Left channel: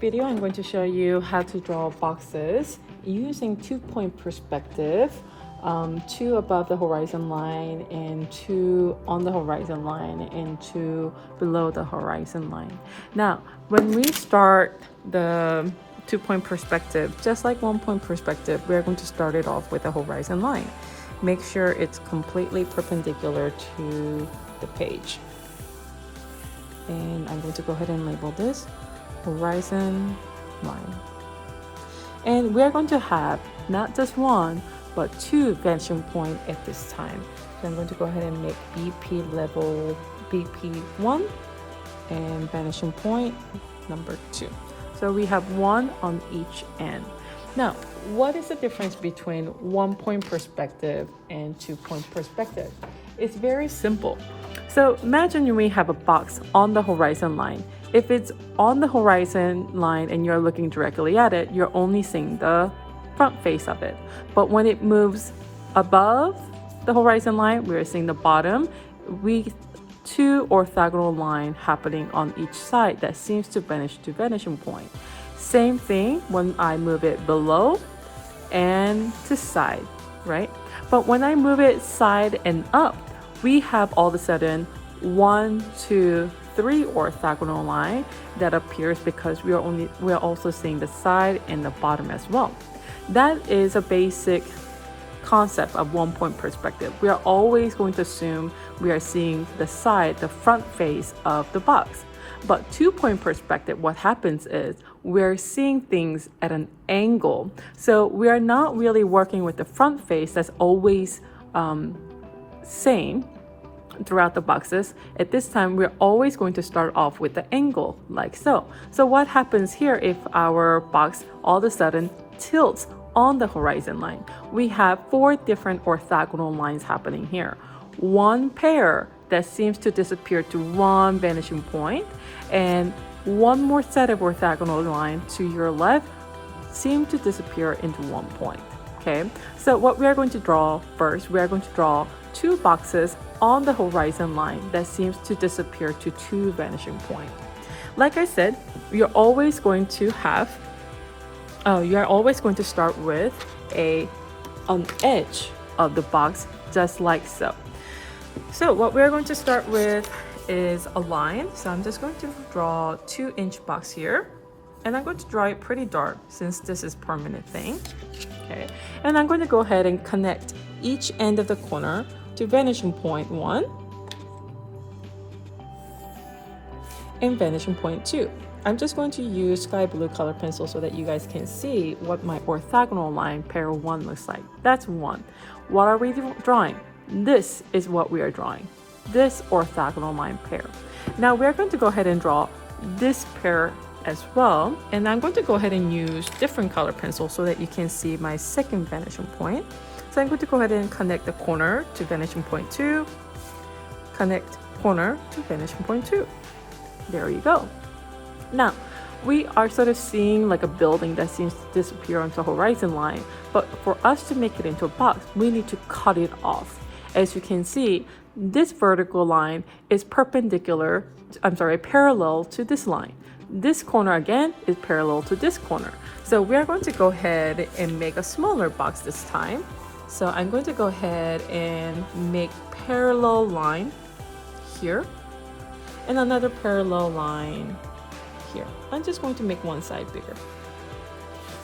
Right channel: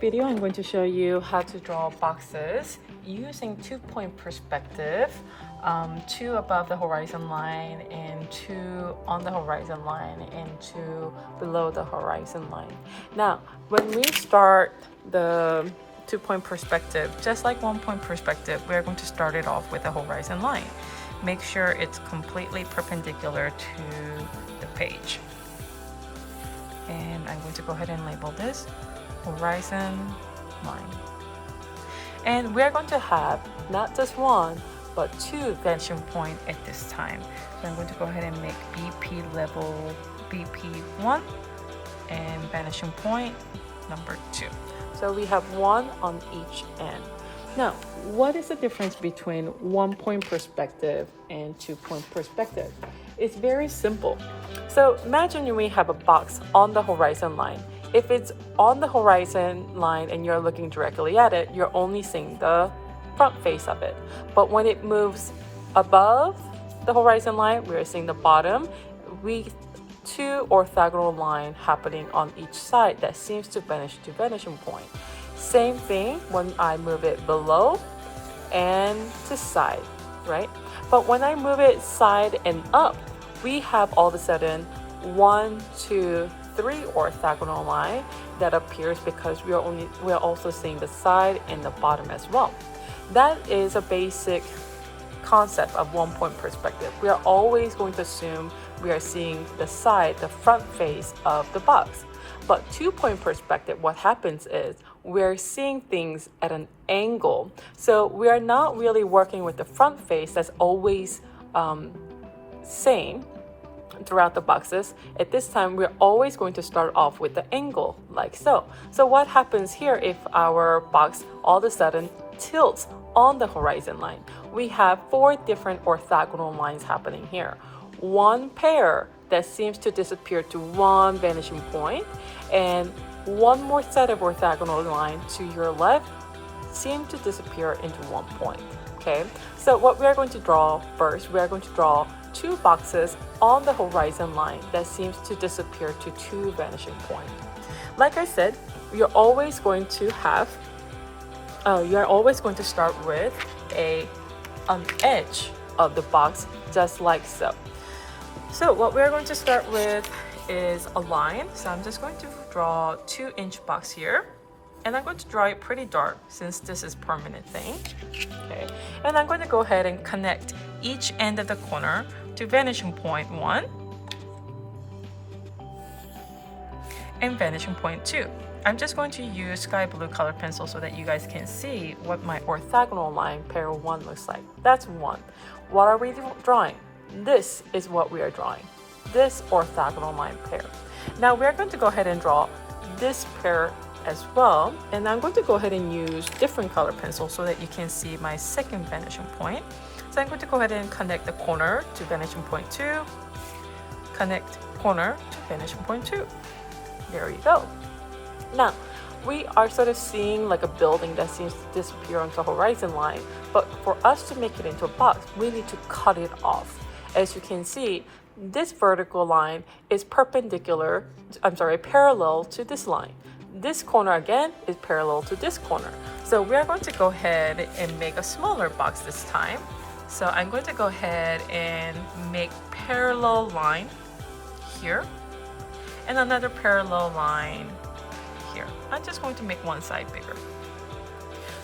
video, I'm going to show you how to draw boxes using 2-point perspective, 2 above the horizon line and 2 on the horizon line and 2 below the horizon line. Now, when we start the 2-point perspective, just like 1-point perspective, we're going to start it off with the horizon line. Make sure it's completely perpendicular to the page. And I'm going to go ahead and label this horizon line. And we're going to have not just 1, but 2 vanishing point at this time. So I'm going to go ahead and make BP level BP1 and vanishing point number 2. So we have 1 on each end. Now, what is the difference between 1-point perspective and 2-point perspective? It's very simple. So imagine we have a box on the horizon line. If it's on the horizon line and you're looking directly at it, you're only seeing the front face of it. But when it moves above the horizon line, we're seeing the bottom. We 2 orthogonal lines happening on each side that seems to vanish to vanishing point. Same thing when I move it below and to side, right? But when I move it side and up, we have all of a sudden 1, 2, 3 orthogonal line that appears because we're also seeing the side and the bottom as well. That is a basic concept of 1-point perspective. We are always going to assume we are seeing the side, the front face of the box. But 2-point perspective, what happens is we're seeing things at an angle. So we are not really working with the front face that's always same throughout the boxes. At this time, we're always going to start off with the angle like so. So what happens here if our box all of a sudden tilts on the horizon line? We have 4 different orthogonal lines happening here. 1 pair that seems to disappear to 1 vanishing point, and 1 more set of orthogonal lines to your left seem to disappear into 1 point. Okay, so what we are going to draw first, we are going to draw 2 boxes on the horizon line that seems to disappear to 2 vanishing points. Like I said, you're always going to start with an edge of the box, just like so. So what we're going to start with is a line. So I'm just going to draw 2-inch box here. And I'm going to draw it pretty dark since this is permanent thing. Okay. And I'm going to go ahead and connect each end of the corner to vanishing point 1 and vanishing point 2. I'm just going to use sky blue color pencil so that you guys can see what my orthogonal line pair 1 looks like. That's 1. What are we drawing? This is what we are drawing. This orthogonal line pair. Now we are going to go ahead and draw this pair as well, and I'm going to go ahead and use different color pencil so that you can see my second vanishing point. So I'm going to go ahead and connect the corner to vanishing point 2, connect corner to vanishing point 2. There you go. Now we are sort of seeing like a building that seems to disappear onto the horizon line, but for us to make it into a box, we need to cut it off. As you can see, this vertical line is parallel to this line. This corner again is parallel to this corner. So we are going to go ahead and make a smaller box this time. So I'm going to go ahead and make parallel line here and another parallel line here. I'm just going to make one side bigger.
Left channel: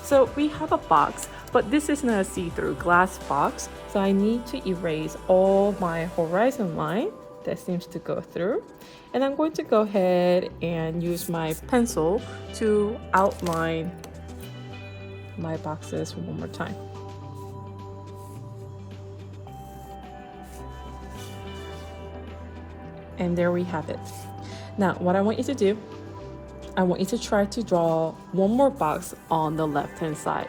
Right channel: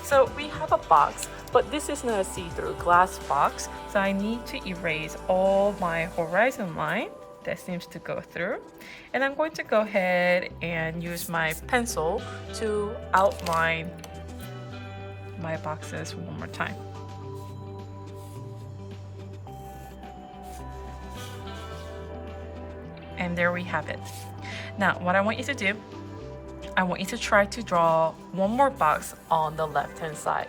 So we have a box, but this is not a see-through glass box. So I need to erase all my horizon line that seems to go through. And I'm going to go ahead and use my pencil to outline my boxes one more time. And there we have it. Now, what I want you to try to draw one more box on the left-hand side.